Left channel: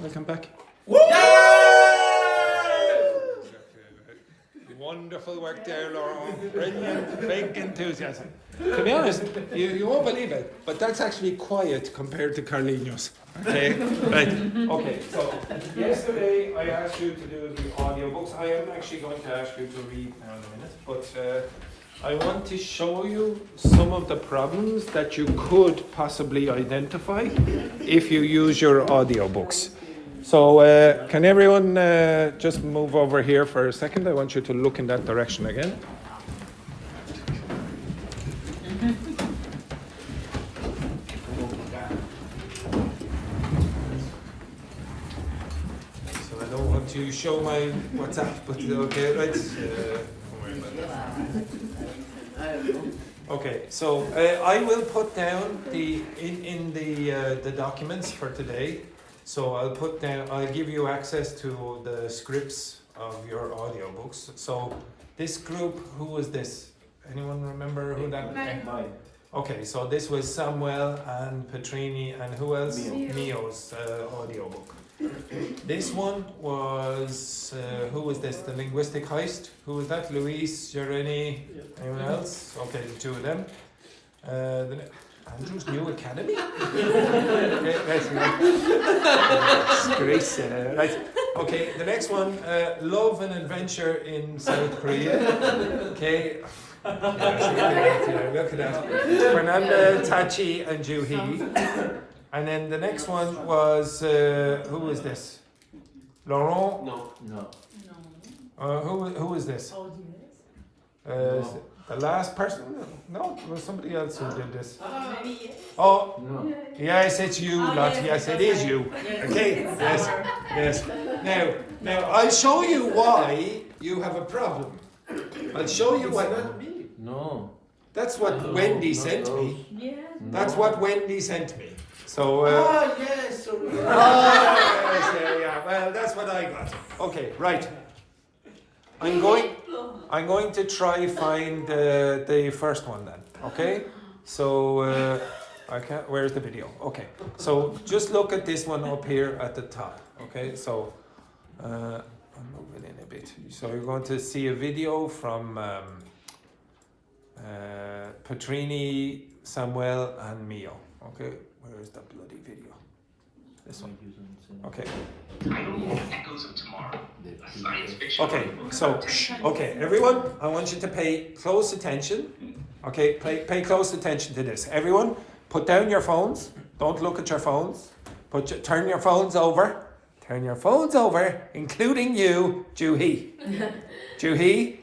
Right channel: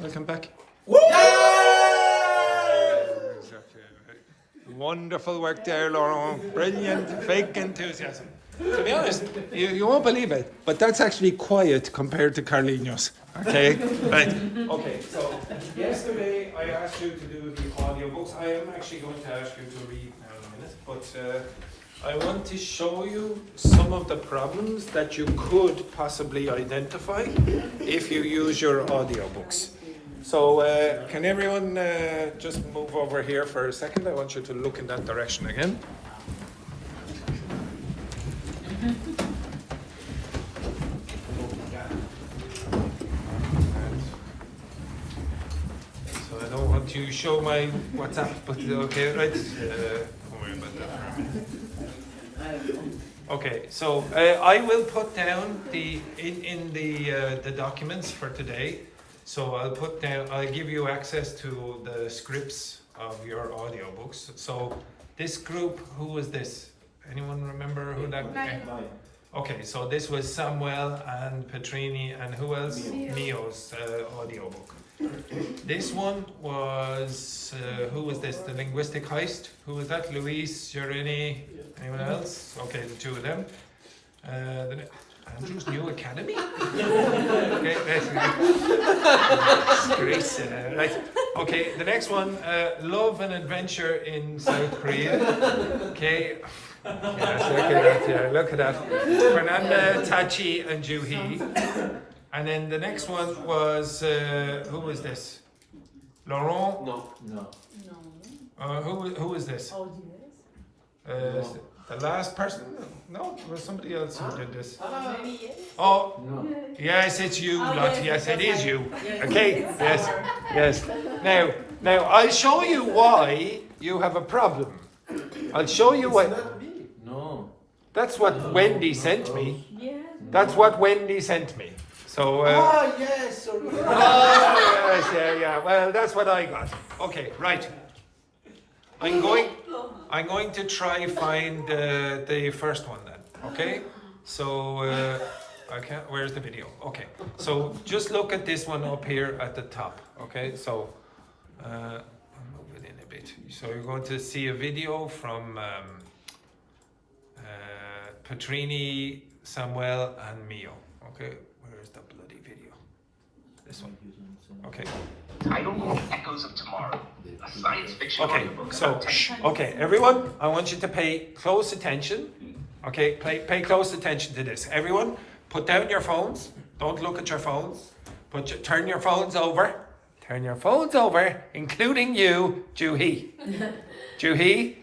Welcome back. Wonderful work there, Laurent. Brilliant, fake enthusiasm. To be honest, you won't believe it, but that's actually quiet compared to Carlinhos. Okay, right. Okay, so yesterday I asked you to do the audiobooks. I am actually going to ask you to read now in a minute, but I want to show you some of the problems that you could possibly identify if you use your audiobooks. So can everyone just move over here for a second? I want you to look in that direction again. So I don't want to show my WhatsApp, but okay, right? Don't worry about that for a minute. Okay, so I will put down in the documents for today. So I'll give you access to the scripts of your audiobooks. So this group, who was this? Anyone remember who that was? Okay, so this was Samuel and Petrini and who else? Mio's audiobook. This one was, who was this? The Linguistic Heist? Who was that? Luis, Jeremy, anyone else? Okay, the two of them. Andrew's New Academy? Okay, Grace, right. Okay, the next one, Love and Adventure in South Korea. Okay. Yes, look at that. Fernanda, Tachi, and Juhi. And then the next one was, who was this? Laurent? No. Who was this? The last person? No, it was somebody else who did this. Oh, No. yes, it's you, lot. Yes, it is you. Okay, yes. Now, I'll show you why you have a problem. I'll show you why. No. That's what Wendy sent me. That's what Wendy sent me. So. Yes. Yeah. Well, that's what I got. Okay, right. I'm going to try find the first one then. Okay. So I can't. Where's the video? Okay. So just look at this one up here at the top. Okay. So I'll move it in a bit. So you're going to see a video from Petrini, Samuel, and Mio. Okay. Where is the bloody video? This one. Okay. Title: Echoes of Tomorrow, a science fiction audiobook. Okay, everyone, I want you to pay close attention. Okay, pay close attention to this. Everyone, put down your phones. Don't look at your phones. Turn your phones over. Turn your phones over, including you, Juhi. Juhi,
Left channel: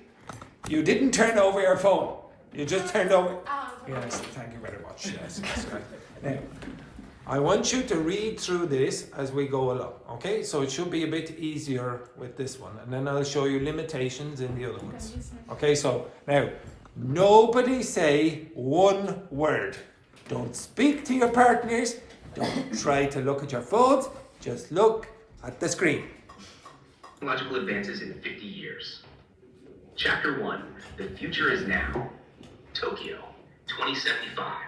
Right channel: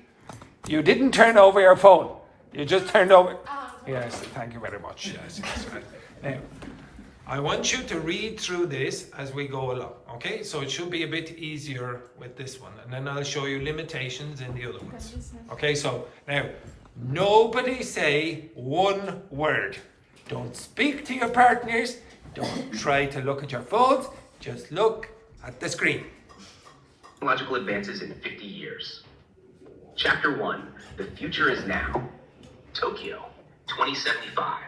you didn't turn over your phone. You just turned over. Yes, thank you very much. Yes, right. Now, I want you to read through this as we go along, okay? So it should be a bit easier with this one, and then I'll show you limitations in the other ones. Okay, so now, nobody say one word. Don't speak to your partners. Don't try to look at your phones. Just look at the screen. Technological advances in 50 years. Chapter 1, The Future is Now. Tokyo, 2075.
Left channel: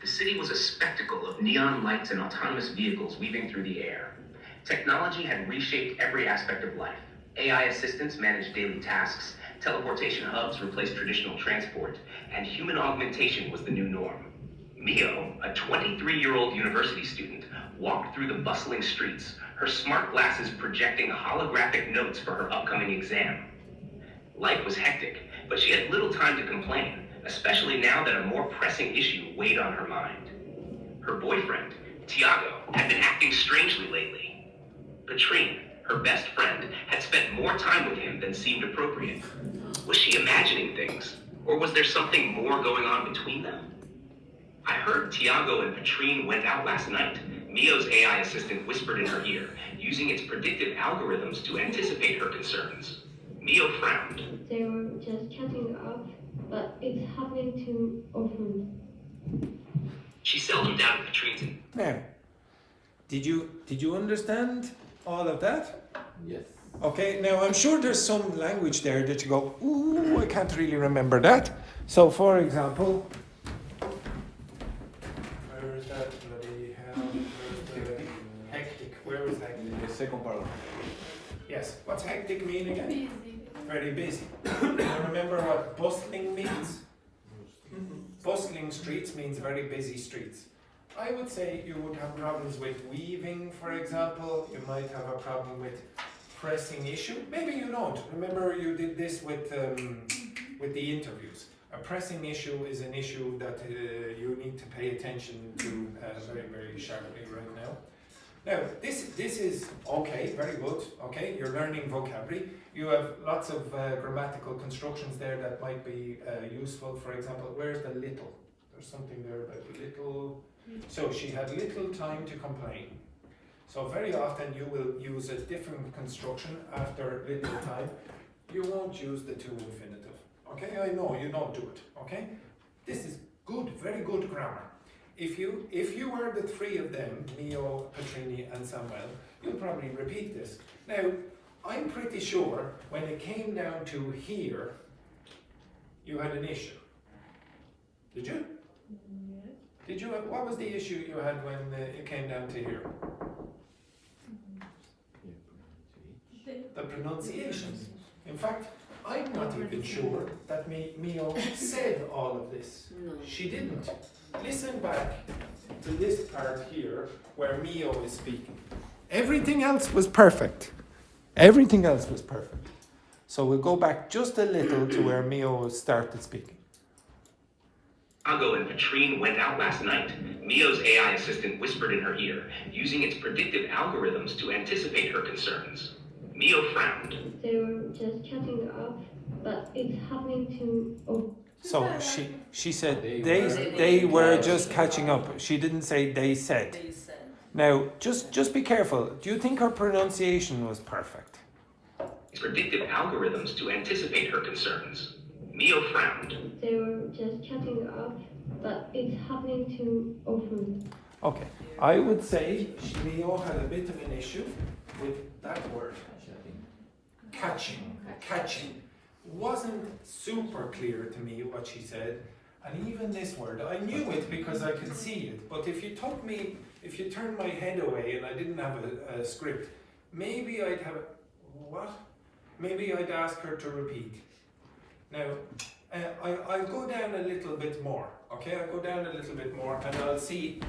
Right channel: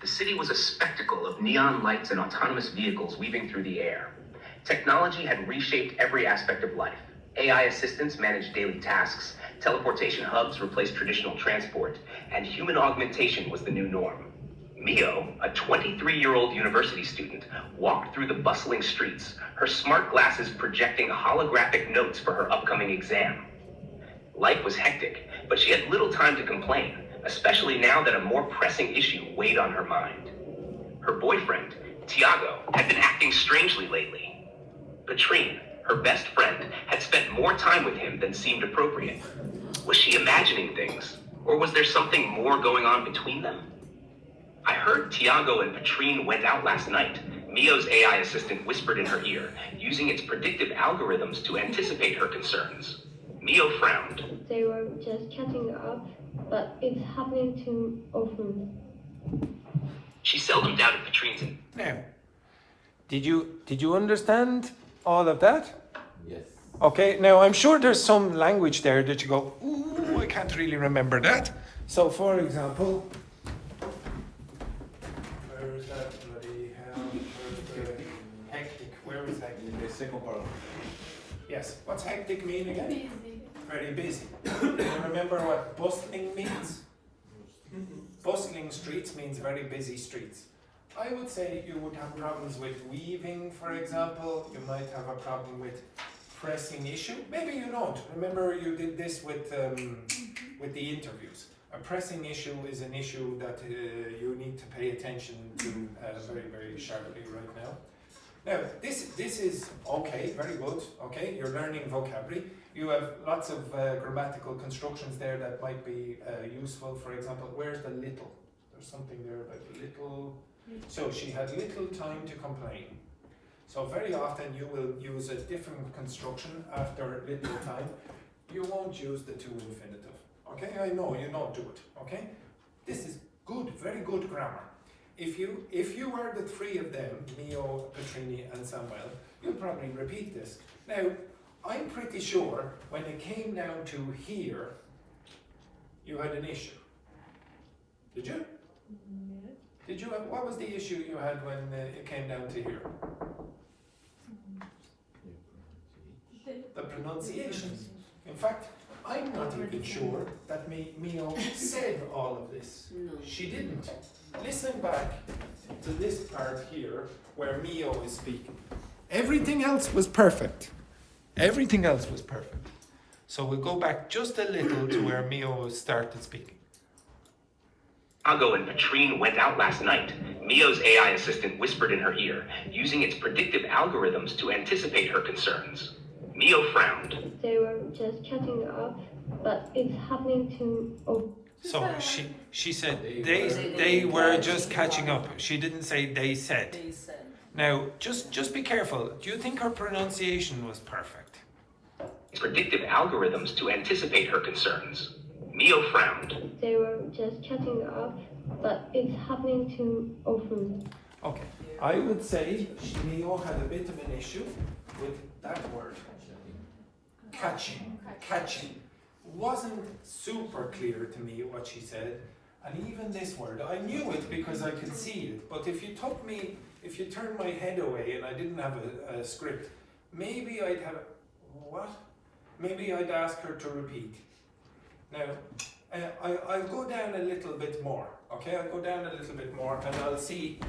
The city was a spectacle of neon lights and autonomous vehicles weaving through the air. Technology had reshaped every aspect of life. AI assistants managed daily tasks, teleportation hubs replaced traditional transport, and human augmentation was the new norm. Mio, a 23-year-old university student, walked through the bustling streets, her smart glasses projecting holographic notes for her upcoming exam. Life was hectic, but she had little time to complain, especially now that a more pressing issue weighed on her mind. Her boyfriend, Tiago, had been acting strangely lately. Patrine, her best friend, had spent more time with him than seemed appropriate. Was she imagining things, or was there something more going on between them? I heard Tiago and Patrine went out last night. Mio's AI assistant whispered in her ear, using its predictive algorithms to anticipate her concerns. Mio frowned. They were just catching up, but it's happening too often. She seldom doubted Patrine's. Now, did you understand all of that? Yes. Okay, now I'm sure there's some language there that you go, ooh, I can't really remember that. So, for example, where is that bloody hell? Where's the hectic? Where Where is hectic? The second paragraph. Yes. What's hectic mean again? Busy. Very busy. You remember what bustling means? Bustling streets means very busy streets. I would say you would have problems with weaving, for example. You might have a problem with pressing issue. Maybe you don't. Remember you did this with the interviews. A pressing issue is an issue that you need to pay attention to very, very sharply right now. Now, this is okay, very good, okay, you're learning vocabulary. You have lots of grammatical constructions there that might be useful. For example, where's the little? There's something there about little. So she had little time to complain. So very often you will use a different construction after little time. You won't use the to infinitive, okay? I know you don't do it, okay? This is good, very good grammar. If you were the three of them, Mio, Petrini and Samuel, you'll probably repeat this. Now, I'm pretty sure when it came down to here, you had an issue. Did you? Yes. Did you? What was the issue you had when it came down to here? The pronunciation. In fact, I'm not even sure that Mio said all of this. No. She didn't. Listen back to this part here where Mio is speaking. Everything else was perfect. Everything else was perfect. So we'll go back just a little to where Mio started speaking. Chicago and Patrine went out last night. Mio's AI assistant whispered in her ear, using its predictive algorithms to anticipate her concerns. Mio frowned. They were just chatting up, but it's happening to. Oh, So she said they were just catching up. She didn't say they said. They said. Now just be careful. Do you think her pronunciation was perfect? Its predictive algorithms to anticipate her concerns. Mio frowned. they were just chatting up, but it's happening too often. Okay. I would say Mio had a bit of an issue with that word. Catching. Wasn't super clear to me what she said, and even this word, I knew it because I could see it, but if you turned my head away and I didn't have a script, maybe I'd have, what? Maybe I'd ask her to repeat. Now, I'll go down a little bit more, okay? I'll go down a little bit more and I'll see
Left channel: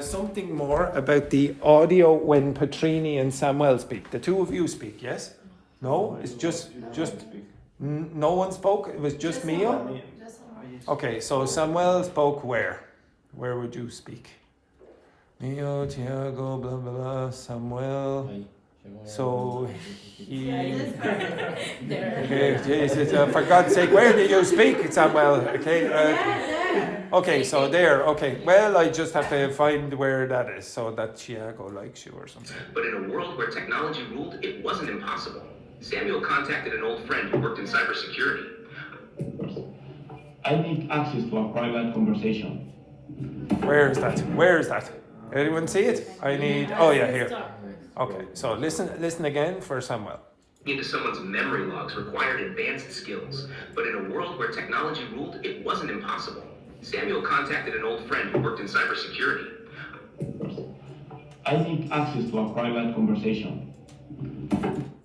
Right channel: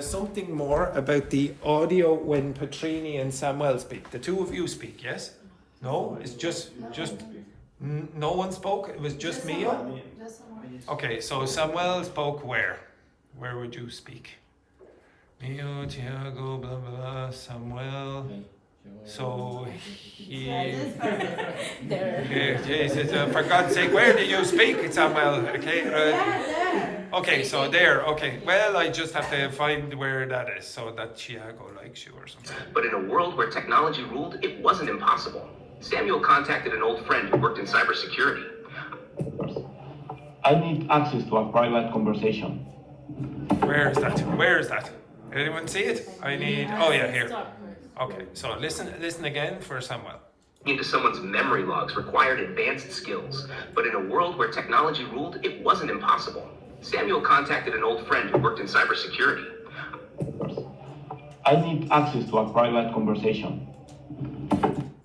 something more about the audio when Petrini and Samuel speak. The two of you speak, yes? No? It's just no one spoke? It was just Mio? Just someone. Okay, so Samuel spoke where? Where would you speak? Mio, Tiago, blah, blah, blah, Samuel. So he... Okay, Jesus, for God's sake, where did you speak, Samuel? Okay, so there, okay. Well, I just have to find where that is so that Tiago likes you or something. But in a world where technology ruled, it wasn't impossible. Samuel contacted an old friend who worked in cybersecurity. I need access to a private conversation. Where is that? Where is that? Anyone see it? I need, oh yeah, here. Okay, so listen again for Samuel. Into someone's memory logs required advanced skills. But in a world where technology ruled, it wasn't impossible. Samuel contacted an old friend who worked in cybersecurity. I need access to a private conversation.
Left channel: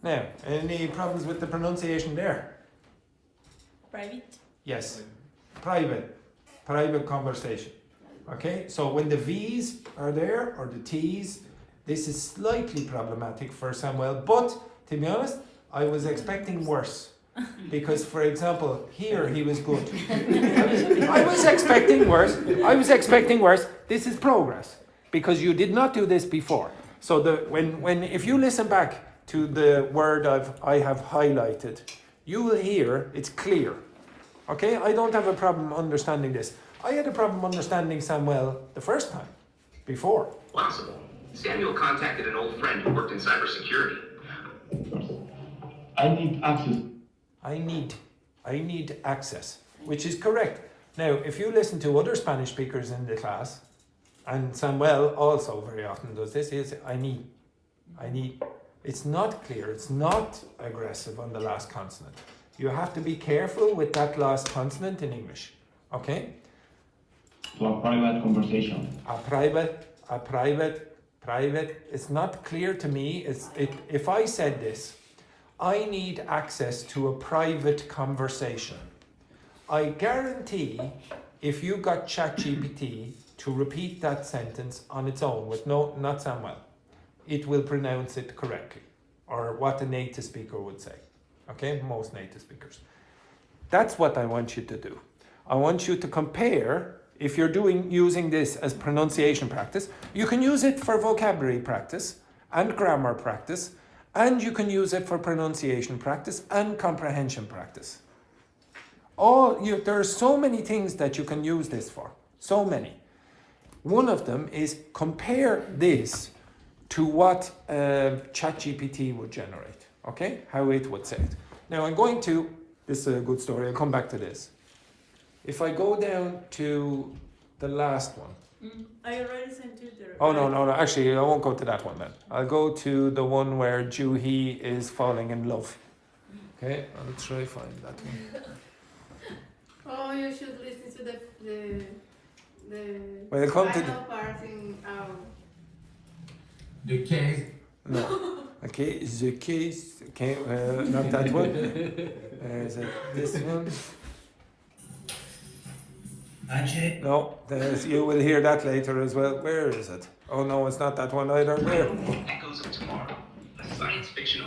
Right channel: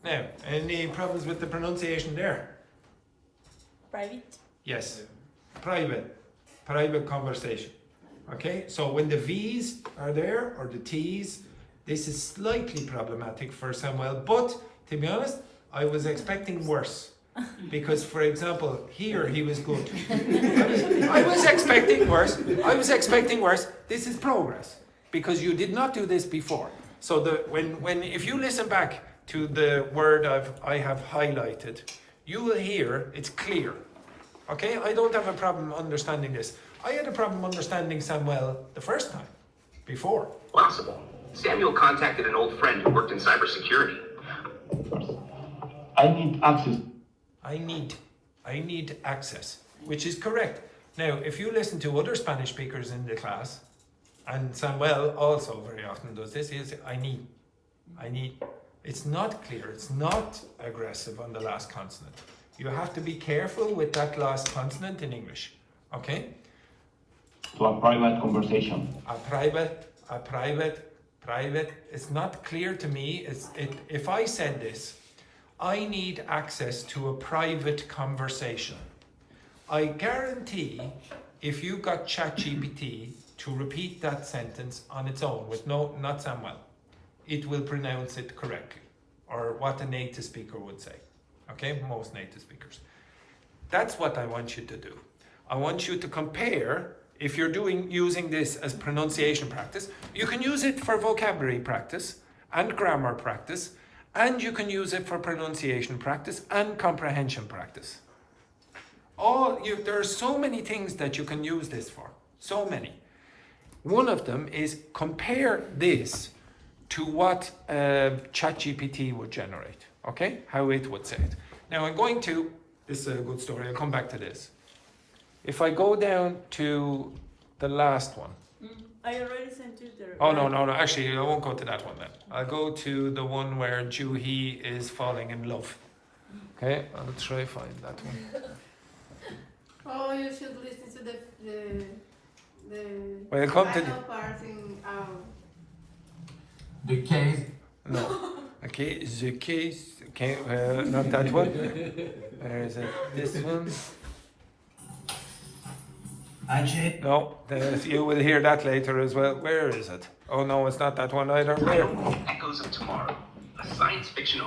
Now, any problems with the pronunciation there? Private. Yes, private conversation. Okay, so when the V's are there, or the T's, this is slightly problematic for Samuel, but to be honest, I was expecting worse. Because, for example, here he was good. I was expecting worse. This is progress, because you did not do this before. So if you listen back to the word I have highlighted, you will hear it's clear. Okay, I don't have a problem understanding this. I had a problem understanding Samuel the first time, before. Possible. Samuel contacted an old friend who worked in cybersecurity. I need access. I need access, which is correct. Now, if you listen to other Spanish speakers in the class, and Samuel also very often does this, he'll say, I need. It's not clear, it's not aggressive on the last consonant. You have to be careful with that last consonant in English, okay? To a private conversation. A private Private, it's not clear to me. If I said this, I need access to a private conversation. I guarantee if you got ChatGPT to repeat that sentence on its own with not Samuel, it will pronounce it correctly, or what a native speaker would say. Okay, most native speakers. That's what I want you to do. I want you to compare. If you're using this as pronunciation practice, you can use it for vocabulary practice and grammar practice, and you can use it for pronunciation practice and comprehension practice. There are so many things that you can use this for. So many. One of them is compare this to what ChatGPT would generate. Okay? How it would say it. Now this is a good story, I'll come back to this. If I go down to the last one. I already sent you the. Oh, no. Actually, I won't go to that one then. I'll go to the one where Juhi is falling in love. Okay, I'll try find that one. Oh, you should listen to the Well, come to the... final part in The case. No. Okay, the case. Okay, not that one. Where is it? This one. No, you will hear that later as well. Where is it? Oh no, it's not that one either. Where? Echoes of Tomorrow, a science fiction.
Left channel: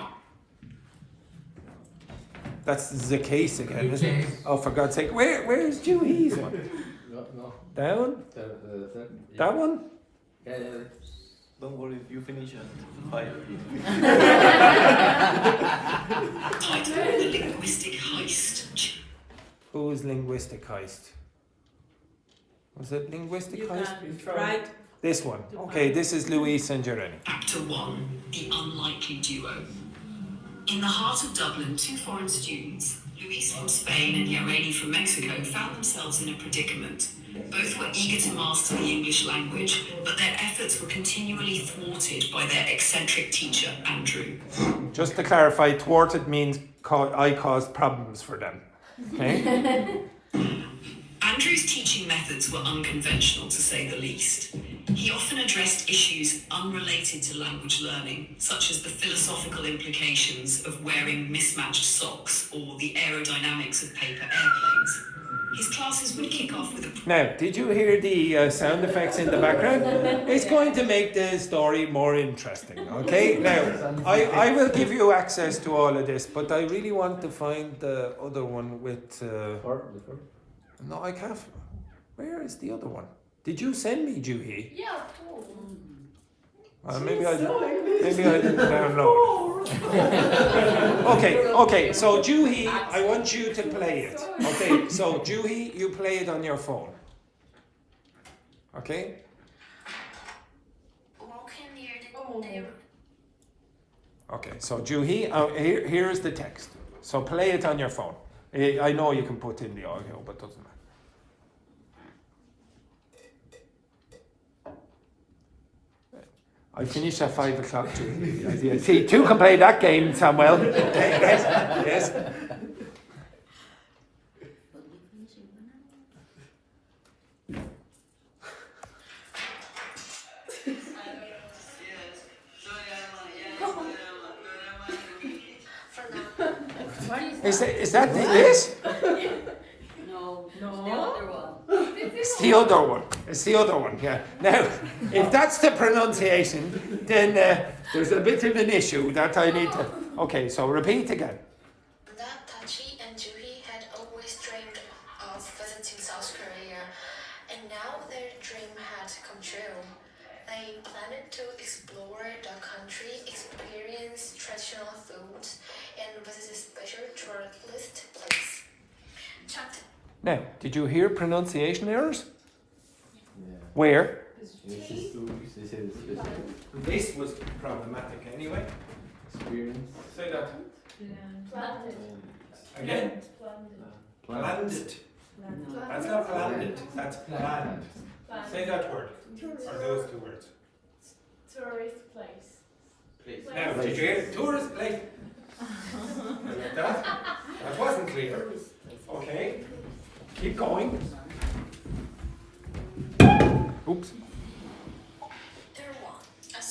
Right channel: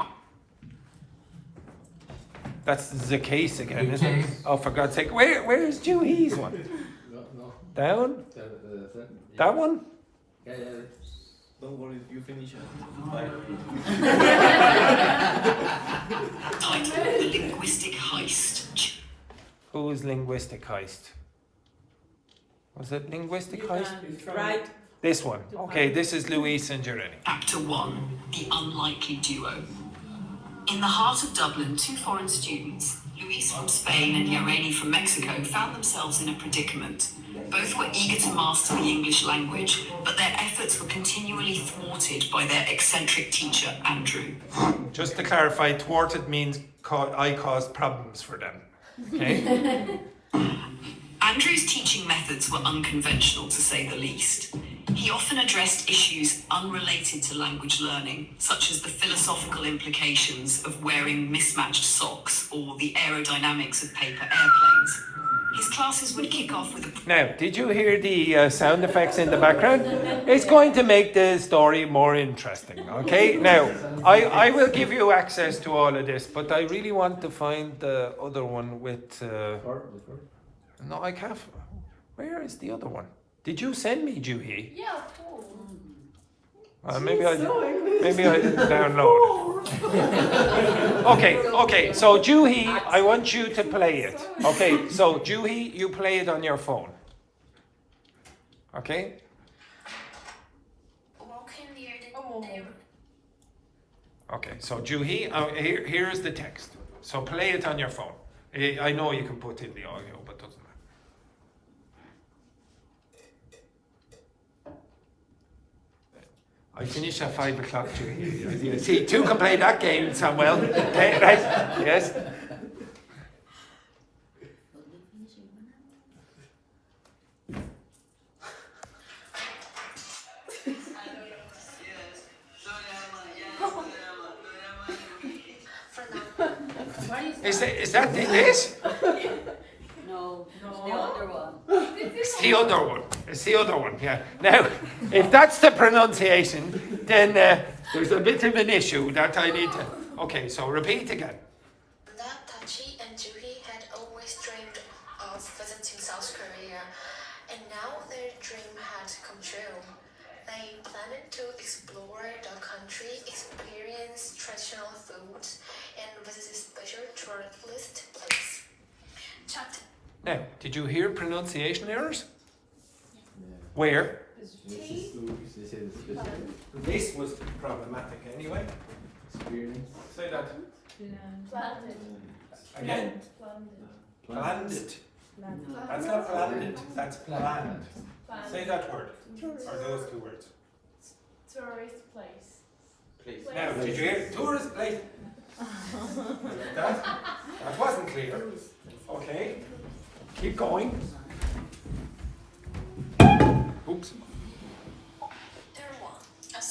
That's the case again, isn't it? Oh, for God's sake. Where's Juhi's one? No. Down? That one? Yeah. Don't worry, you finish it. Bye. Title: The Linguistic Heist. Who's linguistic heist? Was it linguistic heist? Right. This one. Okay, this is Luis and Jeremy. Actor 1, The Unlikely Duo. In the heart of Dublin, two foreign students, Luis from Spain and Jeremy from Mexico, found themselves in a predicament. Both were eager to master the English language, but their efforts were continually thwarted by their eccentric teacher, Andrew. Just to clarify, thwarted means I caused problems for them. Okay? Andrew's teaching methods were unconventional, to say the least. He often addressed issues unrelated to language learning, such as the philosophical implications of wearing mismatched socks or the aerodynamics of paper airplanes. His classes would kick off with a... Now, did you hear the sound effects in the background? It's going to make the story more interesting, okay? Now, I will give you access to all of this, but I really want to find the other one with... No, I can't. Where is the other one? Did you send me, Juhi? Yeah, cool. Maybe I didn't download it. Okay. So Juhi, I want you to play it. Okay. So Juhi, you play it on your phone. Okay. Okay. So Juhi, here is the text. So play it on your phone. I know you can put in the audio, but it doesn't matter. I finish at 5 o'clock, Juhi. See, two can play that game, Samuel. Okay, right? Yes. Is that this? No, the other one. It's the other one. It's the other one, yeah. Now, if that's the pronunciation, then there's a bit of an issue that I need to... Okay, so repeat again. Tachi and Juhi had always dreamed of visiting South Korea, and now their dream had come true. They planned to explore the country, experience traditional foods, and visit a special tourist place. Chapter. Now, did you hear pronunciation errors? Where? This was problematic anyway. Say that. Again? Planned. That's not planned. That's planned. Say that word. Or those two words. Tourist place. Now, did you hear tourist place? Like that? That wasn't clear. Okay. Keep going. Oops. There one, a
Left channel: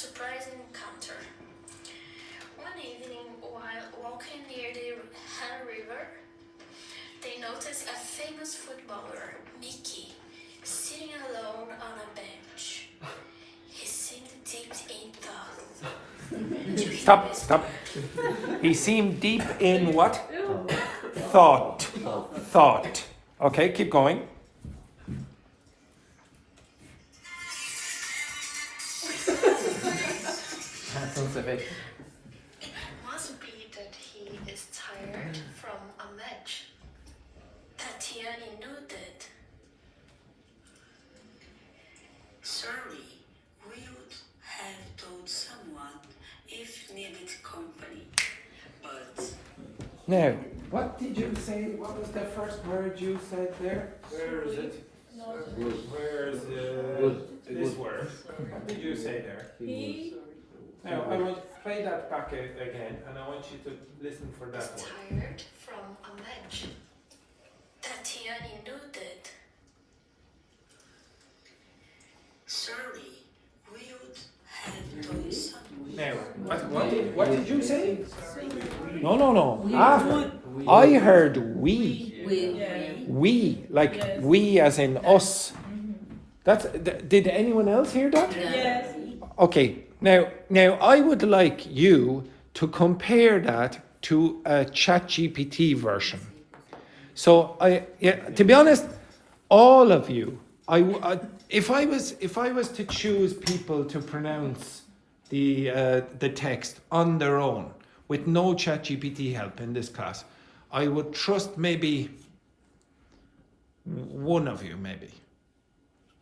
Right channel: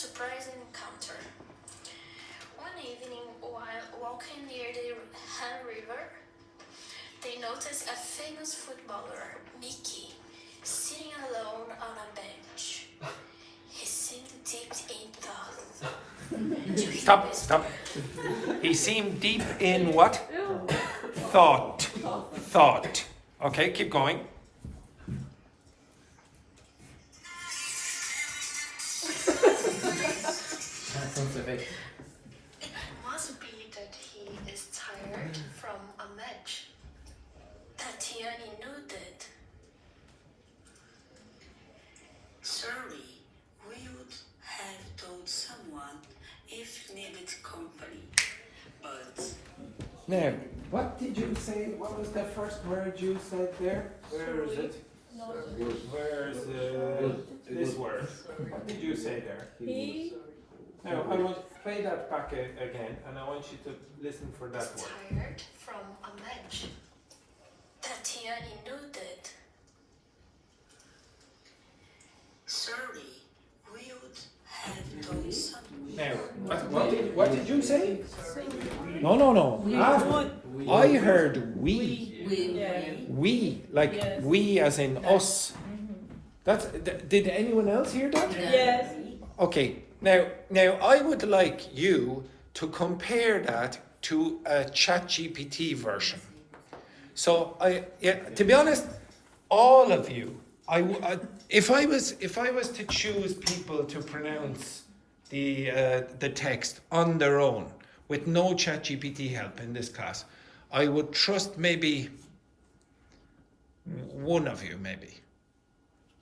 noticed a famous footballer, Mickey, sitting alone on a bench. He seemed deep in thought. Stop. He seemed deep in what? Thought. Okay, keep going. It must be that he is tired from a match. Tatiana nodded. Sorry, we would have told someone if needed company, but Now, what did you say? What was the first word you said there? Where is it? Where's this word? What did you say there? He Now, I want to play that back again, and I want you to listen for that Was word. tired from a match. Tatiana nodded. sorry, we would have told someone. Now, what did you say? No. I heard we. We, like Yes. we as in us. Did anyone else hear that? Yes. Okay, now I would like you to compare that to a ChatGPT version. So to be honest, all of you, if I was to choose people to pronounce the text on their own with no ChatGPT help in this class, I would trust maybe one of you, maybe.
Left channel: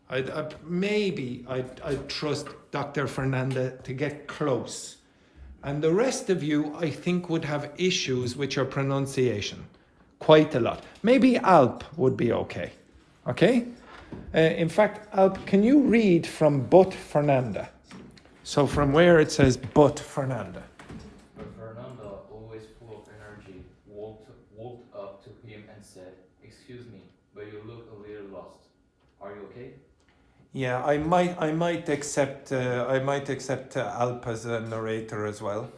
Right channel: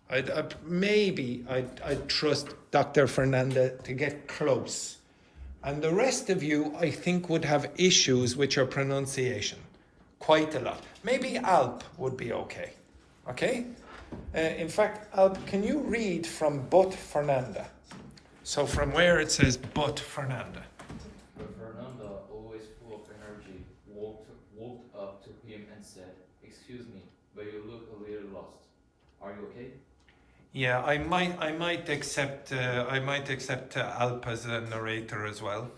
I'd trust Dr. Fernanda to get close. And the rest of you, I think, would have issues with your pronunciation. Quite a lot. Maybe Alp would be okay. Okay? In fact, Alp, can you read from but Fernanda? So from where it says but Fernanda. But Fernanda, always full of energy, walked up to him and said, "Excuse me, but you look a little lost. Are you okay?" Yeah, I might accept Alp as a narrator as well.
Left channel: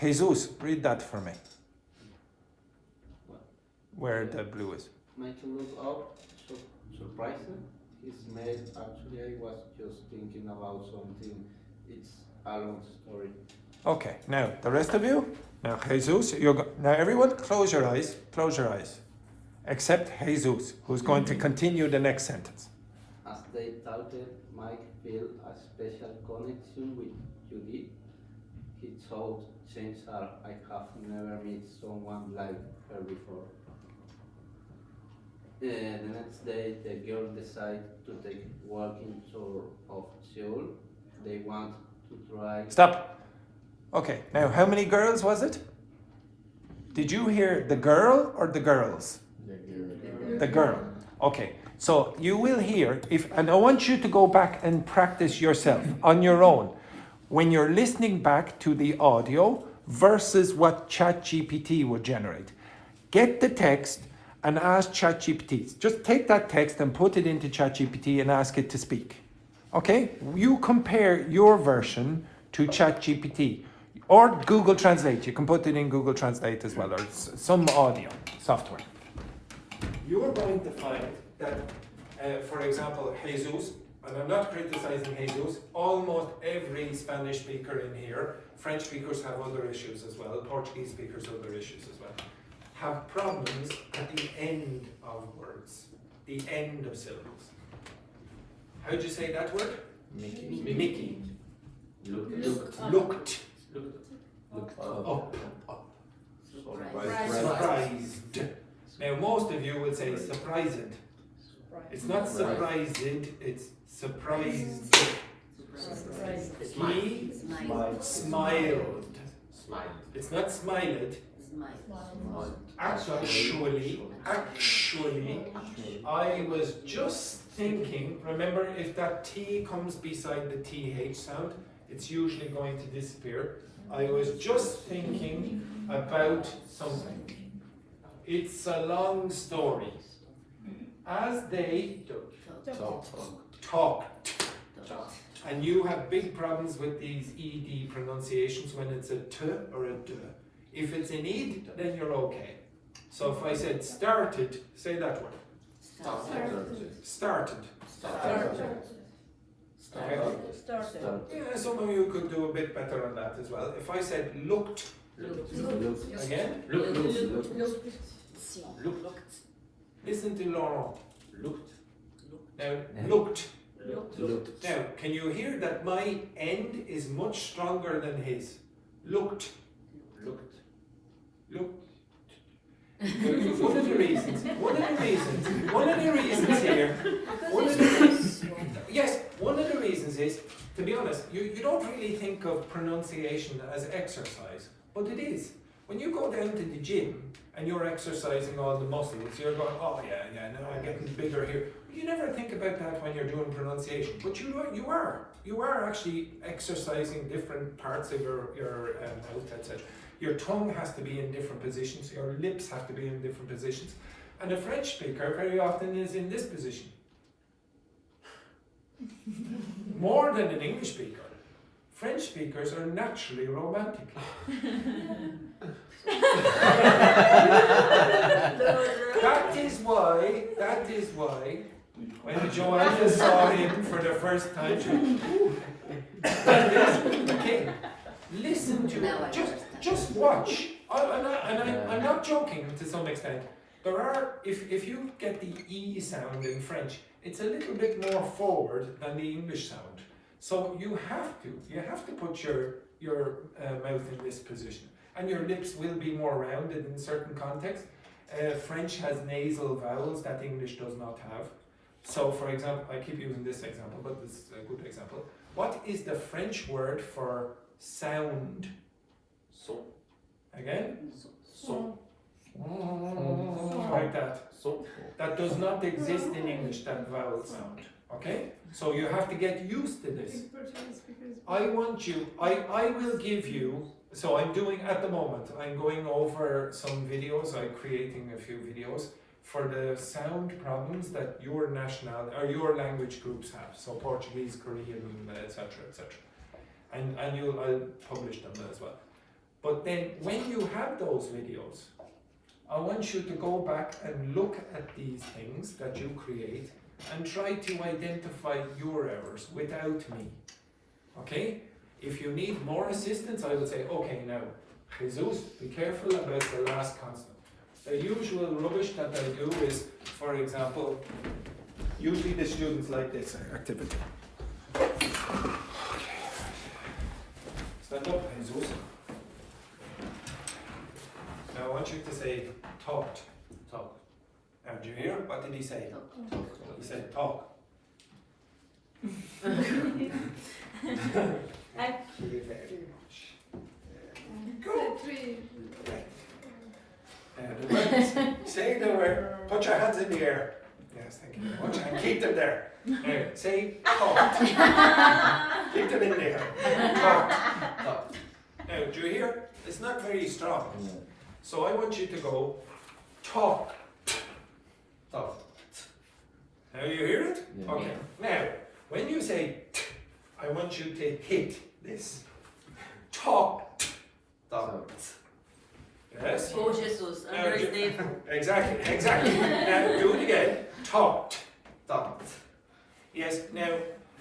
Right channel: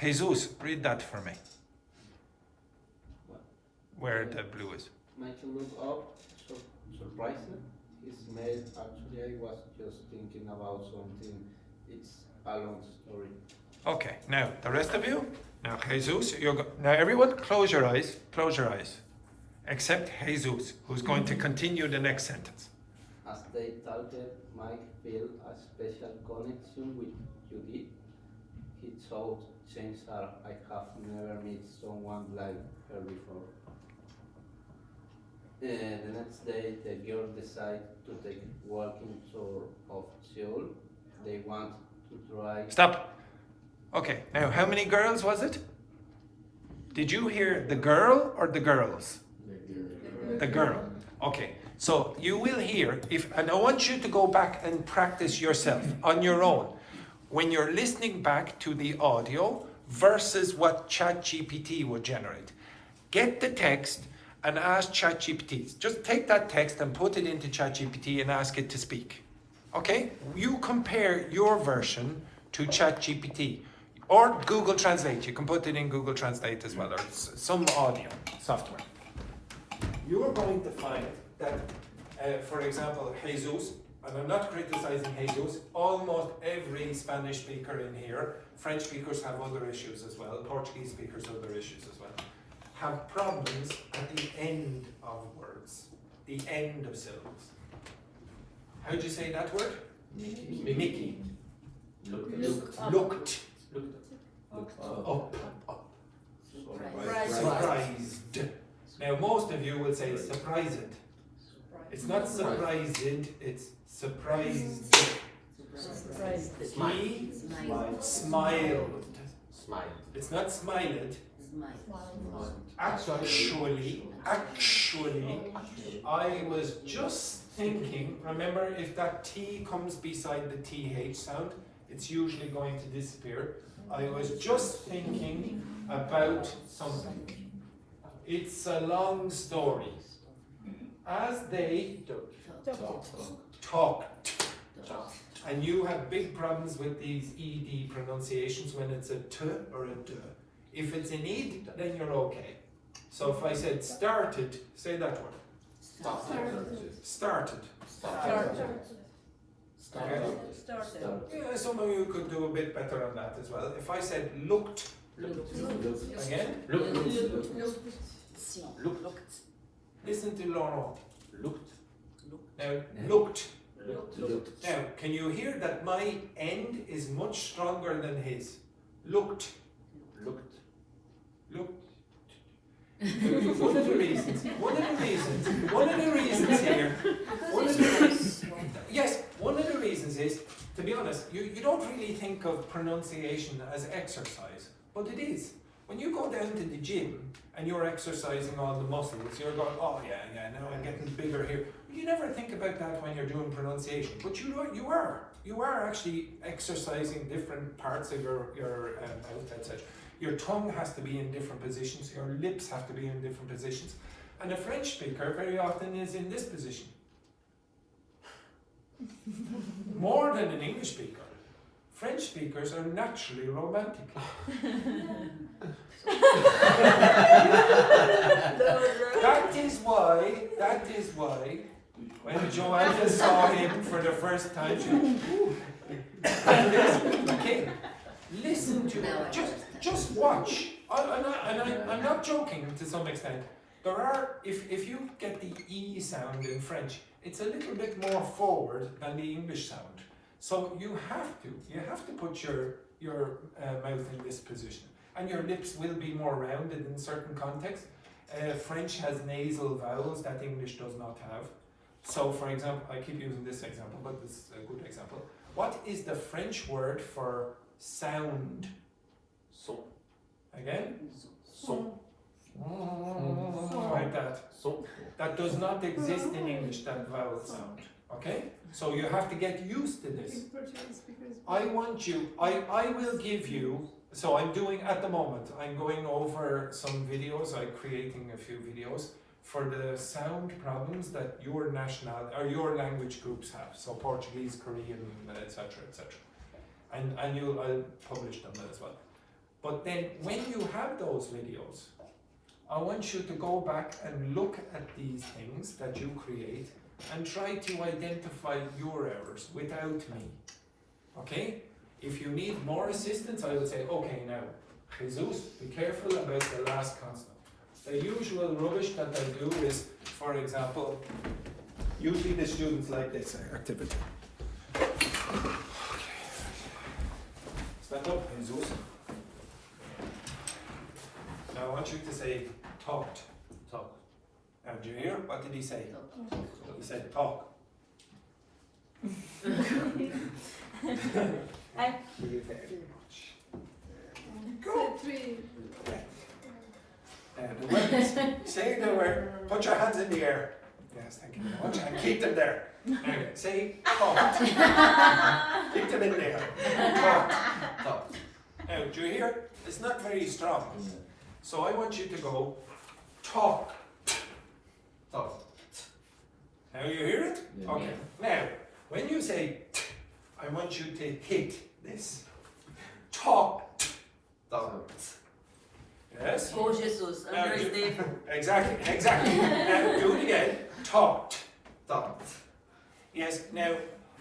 Jesus, read that for me. Where the blue is. Made to look up, surprising. It's made, actually I was just thinking about something. It's a long story. Okay, now the rest of you. Now Jesus, now everyone close your eyes, except Jesus, who's going to continue the next sentence. As they talked, Mike felt a special connection with Judy. He thought, change her, I have never met someone like her before. The next day, the girls decide to take a walking tour of Seoul. They want to try. Stop. Okay, now how many girls was it? Did you hear the girl or the girls? The girl. Okay, so you will hear, and I want you to go back and practice yourself on your own when you're listening back to the audio versus what ChatGPT would generate. Get the text and ask ChatGPT. Just take that text and put it into ChatGPT and ask it to speak. Okay? You compare your version to ChatGPT or Google Translate. You can put it in Google Translate as well, or some audio software. You are going to find that, for example, Jesus, and I'm not criticizing Jesus, almost every Spanish speaker in here, French speakers have other issues as well, Portuguese speakers have other issues as well, have problems at the end of words, the end of syllables. How do you say that word? Mickey. Looked. Up. Surprised. Now most of you will say surprised. It's not surprised, it's surprised. He smiled. It's not smiled. Actually, I was just thinking, remember if that T comes beside the TH sound, it's usually going to disappear. I was just thinking about something. It's a long story. As they talked, and you have big problems with these ED pronunciations when it's a T or a D. If it's an id, then you're okay. So if I said started, say that one. Started. Okay. Yeah, some of you could do a bit better on that as well. If I said looked, again, Looked. listen to Laurent. Looked. Now, looked. Now, can you hear that my end is much stronger than his? Looked. Looked. One of the reasons here, one of the reasons is, to be honest, you don't really think of pronunciation as exercise, but it is. When you go down to the gym and you're exercising all the muscles, you're going, oh yeah, now I'm getting bigger here. You never think about that when you're doing pronunciation, but you are actually exercising different parts of your mouth, etc. Your tongue has to be in different positions, your lips have to be in different positions. And a French speaker very often is in this position. More than an English speaker. French speakers are naturally romantic. That is why, when Joanna saw him for the first time, she went, ooh. Okay, listen to it. Just watch. I'm not joking to some extent. There are, if you get the E sound in French, it's a little bit more forward than the English sound. So you have to put your mouth in this position. And your lips will be more rounded in certain contexts. French has nasal vowels that English does not have. So for example, I keep using this example, but this is a good example. What is the French word for sound? So. Again? So. Like that. So. That does not exist in English, that vowel sound. Okay? So you have to get used to this. I want you, I will give you, so I'm doing, at the moment, I'm going over some videos, I'm creating a few videos for the sound problems that your national, or your language groups have. So Portuguese, Korean, etc., etc. And I'll publish them as well. But then when you have those videos, I want you to go back and look at these things that you create and try to identify your errors without me. Okay? If you need more assistance, I will say, okay, now, Jesus, be careful about the last consonant. The usual rubbish that I do is, for example, usually the students like this activity. Stand up, Jesus. Now I want you to say, talked. Talk. Now, do you hear? What did he say? He said, talk. I Go. The word, say the word, put your hands in the air. Yes, thank you very much, and keep them there. Now, say talked. Keep them in there. Talked. Talk. Now, do you hear? It's not very strong. So I want you to go, talk. Talk. Now you hear it? Yeah. Okay. Now, when you say t, I want you to hit this. Talk. Talk. Yes? Oh, Jesus, Now, under his name. Exactly. Now do it again. Talked. Talked. Yes, now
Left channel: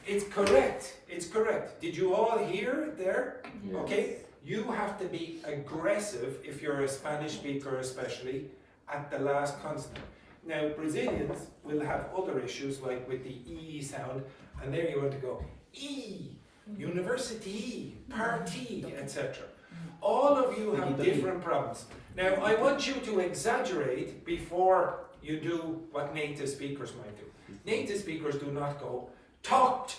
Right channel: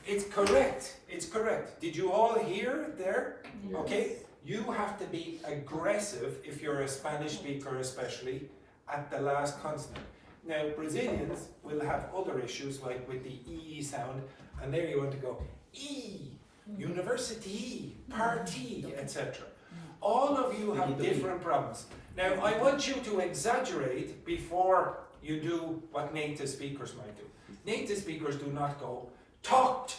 it's correct. It's correct. Did you all hear it there? Yes. Okay. You have to be aggressive, if you're a Spanish speaker especially, at the last consonant. Now, Brazilians will have other issues, like with the E sound, and there you want to go E, university, party, etc. All of you have different problems. Now, I want you to exaggerate before you do what native speakers might do. Native speakers do not go, talked,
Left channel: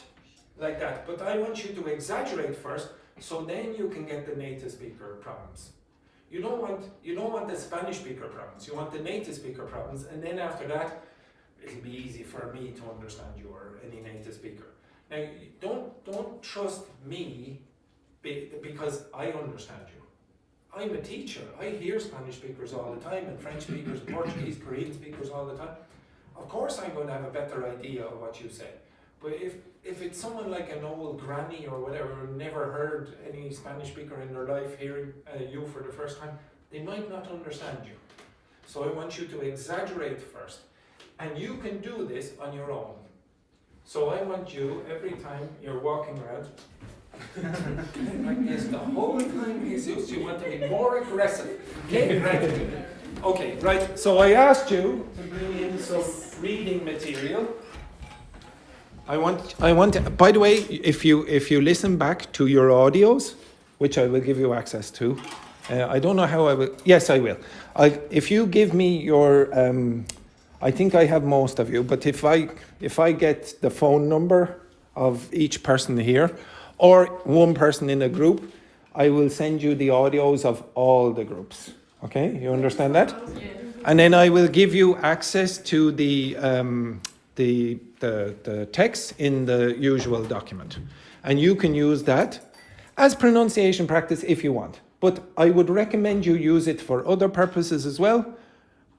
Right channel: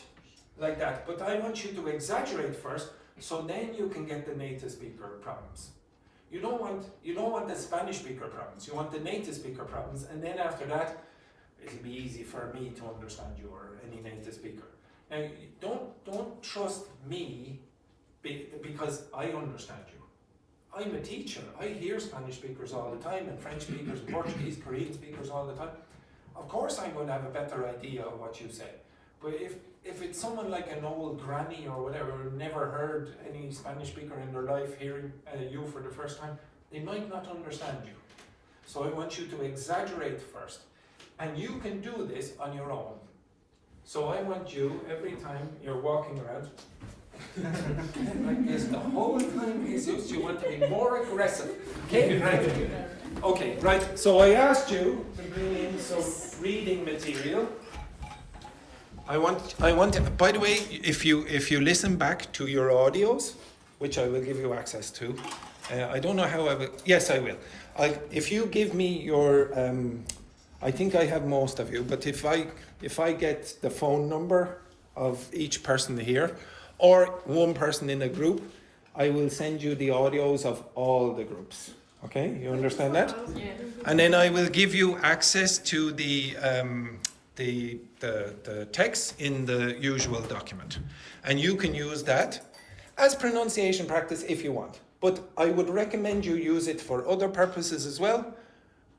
like that, but I want you to exaggerate first, so then you can get the native speaker problems. You don't want the Spanish speaker problems. You want the native speaker problems, and then after that, it'll be easy for me to understand you or any native speaker. Now, don't trust me because I understand you. I'm a teacher. I hear Spanish speakers all the time, and French speakers, and Portuguese, Korean speakers all the time. Of course, I'm going to have a better idea of what you say. But if it's someone like an old granny or whatever who never heard any Spanish speaker in their life hearing you for the first time, they might not understand you. So I want you to exaggerate first. And you can do this on your own. So I want you, every time you're walking around, like this, the whole time, Jesus, you want to be more aggressive. Okay, right. Okay, right. So I asked you to bring in some reading material. I want. By the way, if you listen back to your audios, which I will give you access to, I don't know how I will. Yes, I will. If you give me your, I think I have most of you. But if I get the phone number of each person here, or one person in a group, I will send you the audios of all the groups. Okay, you understand that? Yeah. And then I will give you access to the text in the usual document. And you can use that as pronunciation practice if you want. But I would recommend you use it for other purposes as well.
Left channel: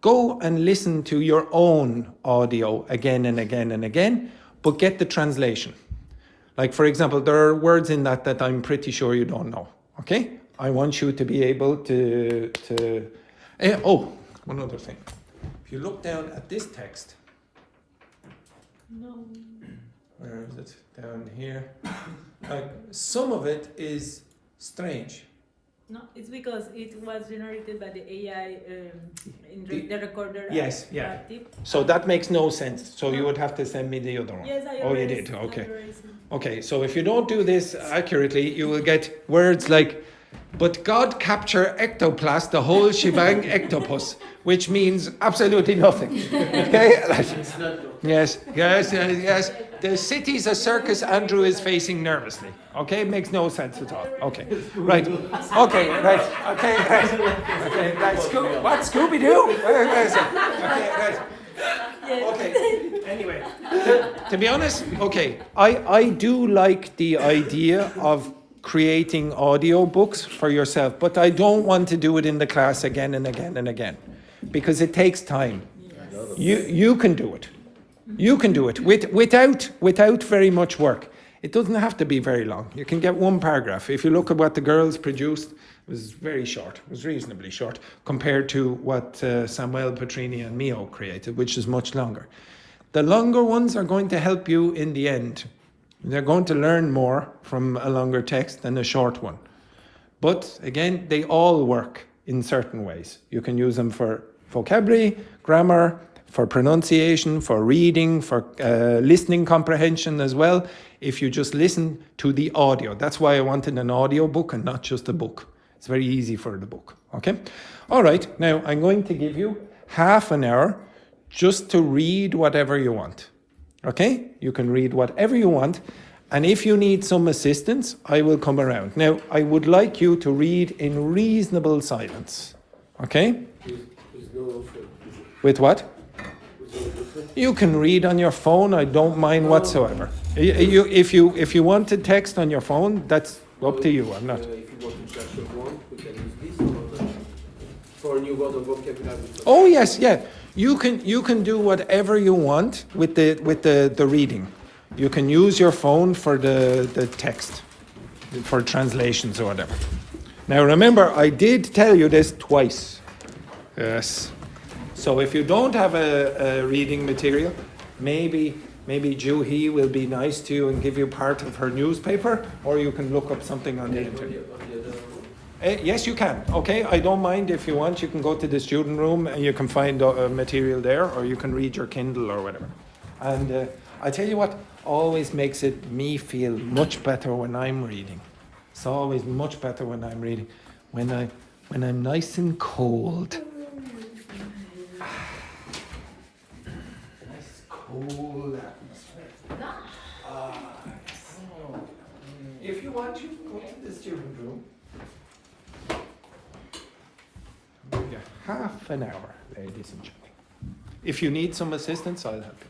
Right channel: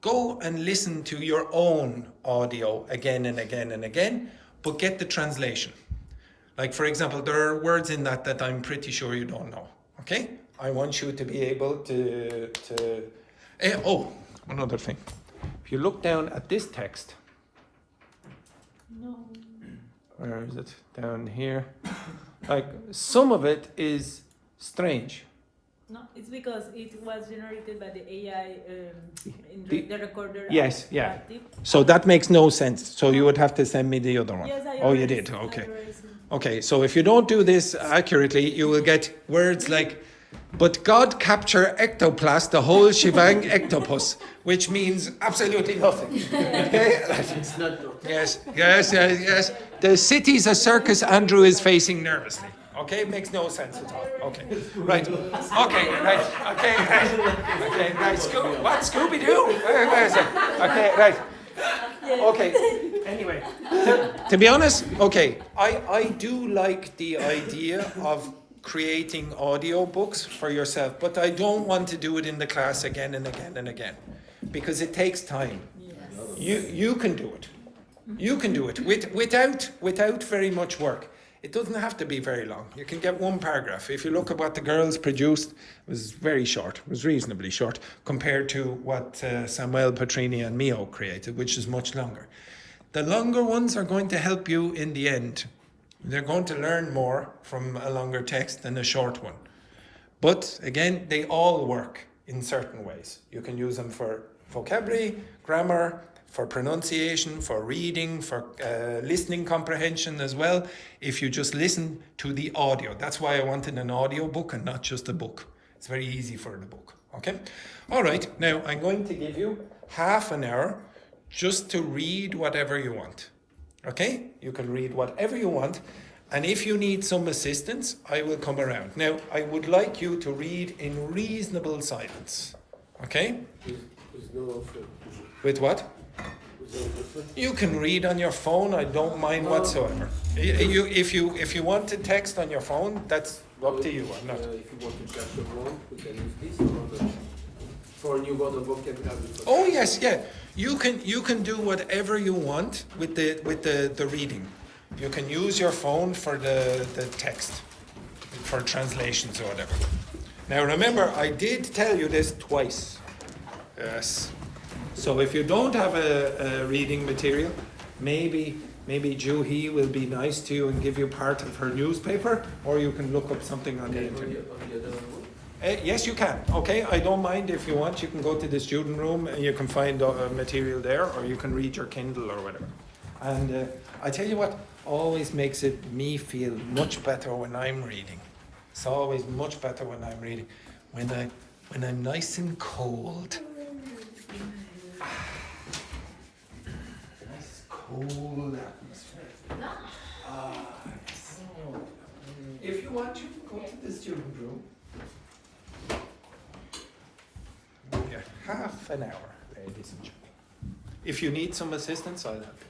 Go and listen to your own audio again and again and again, but get the translation. Like, for example, there are words in that I'm pretty sure you don't know. Okay? I want you to be able to oh, one other thing. If you look down at this text, No. where is it? Down here. Like, some of it is strange. No, it's because it was generated by the AI in The- the recorder. Yes, yeah. active. So that makes no sense. So you would have to send me the other one. Yes, I Oh, you already did? sent- I Okay. already sent. Okay, so if you don't do this accurately, you will get words like, but God capture ectoplast, the whole shebang ectopus, which means absolutely nothing. Okay? Yes. The city's a circus Andrew is facing nervously. Okay, makes no sense at all. Okay, right. Okay, right. Okay, right. Okay, right. What, Scooby-Doo? Where is it? Okay, right. Okay, anyway, to be honest, okay, I do like the idea of creating audio books for yourself, but I don't want to do it in the class again and again and again, because it takes time. You can do it. You can do it without very much work. It doesn't have to be very long. You can get one paragraph. If you look at what the girls produced, it was very short. It was reasonably short compared to what Samuel Petrini and Mio created, which is much longer. The longer ones are going to help you in the end. They're going to learn more from a longer text than a short one. But again, they all work in certain ways. You can use them for vocabulary, grammar, for pronunciation, for reading, for listening comprehension as well, if you just listen to the audio. That's why I wanted an audio book and not just a book. It's very easy for the book, okay? All right, now I'm going to give you half an hour just to read whatever you want, okay? You can read whatever you want, and if you need some assistance, I will come around. Now, I would like you to read in reasonable silence, okay? With what? You can read on your phone. I don't mind whatsoever. If you want to text on your phone, that's up to you. I'm not. If you want to search your one, we can use this or not. For new word or vocabulary. Oh yes, yeah. You can do whatever you want with the reading. You can use your phone for the text, for translations or whatever. Now remember, I did tell you this twice. Yes. So if you don't have a reading material, maybe Juhi will be nice to you and give you part of her newspaper, or you can look up something on the internet. Yes, you can. Okay, I don't mind if you want. You can go to the student room and you can find material there, or you can read your Kindle or whatever. And I tell you what, always makes me feel much better when I'm reading. It's always much better when I'm reading, when I'm nice and cold. Cool atmosphere. If you want, you can go to the student room. Yeah, half an hour, ladies and gentlemen. If you need some assistance, I'll help you.